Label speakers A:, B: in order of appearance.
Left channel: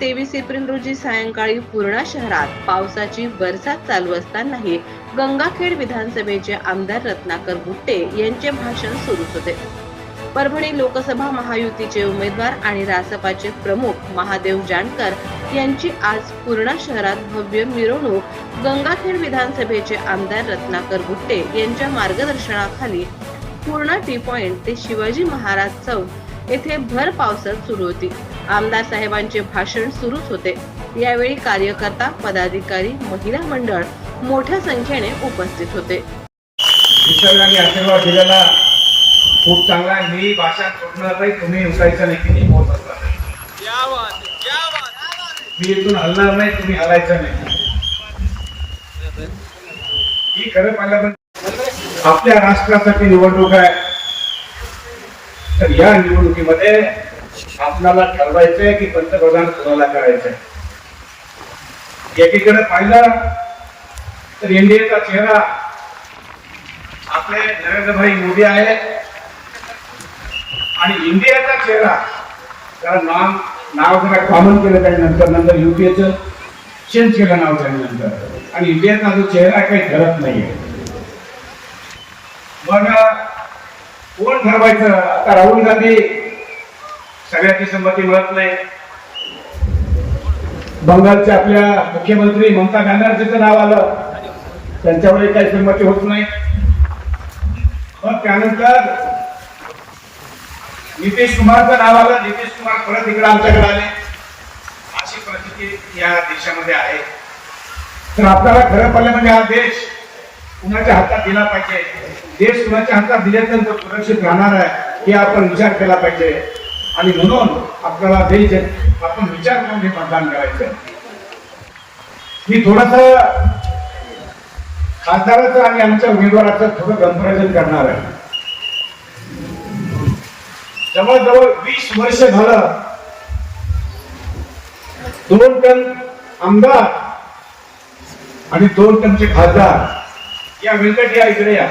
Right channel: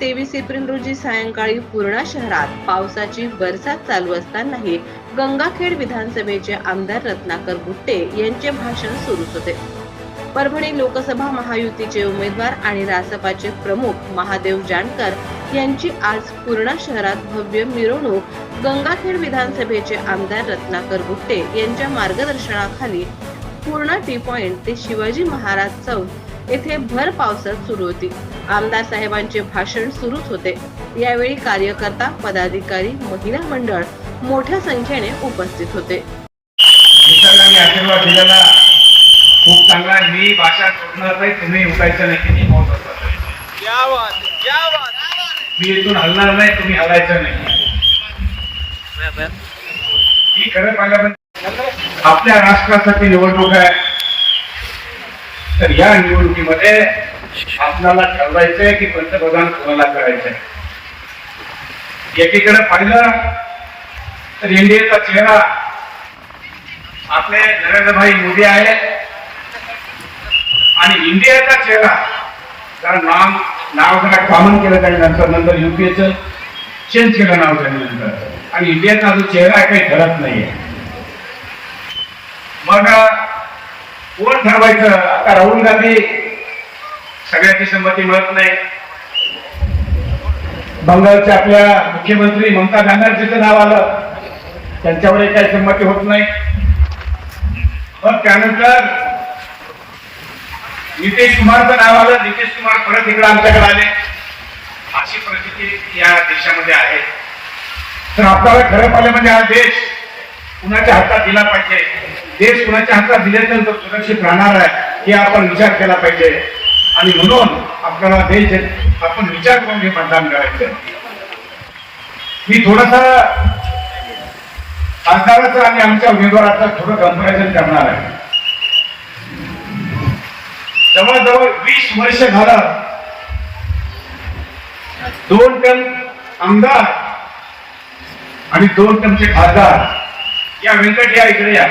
A: तेवीस एप्रिल रोजी सायंकाळी पूर्णा शहरात पावसाची बरसात चालू असतानाही गंगाखेड विधानसभेचे आमदार रत्नाकर गुट्टे यांचे भाषण सुरूच होते. परभणी लोकसभा महायुतीचे उमेदवार आणि रासपाचे प्रमुख महादेव जानकर यांची आज पूर्णा शहरात भव्य मिरवणूक गंगाखेड विधानसभेचे आमदार रत्नाकर गुट्टे यांच्या मार्गदर्शनाखाली पूर्णा टी पॉइंट ते शिवाजी महाराज चौक येथे भर पावसात सुरू होती. आमदार साहेबांचे भाषण सुरूच होते. यावेळी कार्यकर्ता पदाधिकारी महिला मंडळ मोठ्या संख्येने उपस्थित होते.
B: निसर्गाने आशीर्वाद दिलेला खूप चांगला मी भाषा सोडणार नाही तुम्ही उठायचं नाही की मोठ असला मी इथून हलणार नाही तुम्ही हलायचं नाही. ही खरं पाहिलं पण आपल्या राष्ट्रासाठी निवडणूक आहे. तर या निवडणुकीमध्ये आपल्याला ठरवायचंय की पंतप्रधान कोणाला करायचंय? एकीकडे पाहिलं तर इंडियाचा चेहरा आपले नरेंद्रभाई मोदी आहेत. आणि इंडियाचा चेहरा कारण नाम नाव जरा कॉमन केलं त्यानंतर नंतर युपीएचं चेंज केलं नाव त्यानंतर आणि इंडियाचा जो चेहरा काही ठरत नाहीये. मग कोण ठरवायचं? आता राहुल गांधी सगळ्याची संमती मिळत नाही. बंगालच्या आपल्या मुख्यमंत्री ममता बॅनर्जीचं नाव आलं. त्यांच्यावरही काही संमती होत नाही. मग त्यानंतर नितीश कुमारचं नाव आलं. नितीश कुमार परत इकडे आमच्याकडे आले. अशी परिस्थिती या देशामध्ये आहे. तर आपल्याला खरं पाहिलं म्हणजे हा देश कुणाच्या हातात दिला पाहिजे? देश कुणाच्या हातात दिल्यानंतर सुरक्षित राहणार आहे हे आपण विचार केला पाहिजे. आणि म्हणून आपल्याला देश आपण विचार करून हे मतदान करायचं मी थोडासा खासदाराचं आणि आमच्या उमेदवाराचं थोडं कंपॅरिझन करणार आहे. जवळजवळ वीस वर्ष झालं दोन टन आमदार आणि दोन टनचे खासदार या व्यंकट या इकडे या.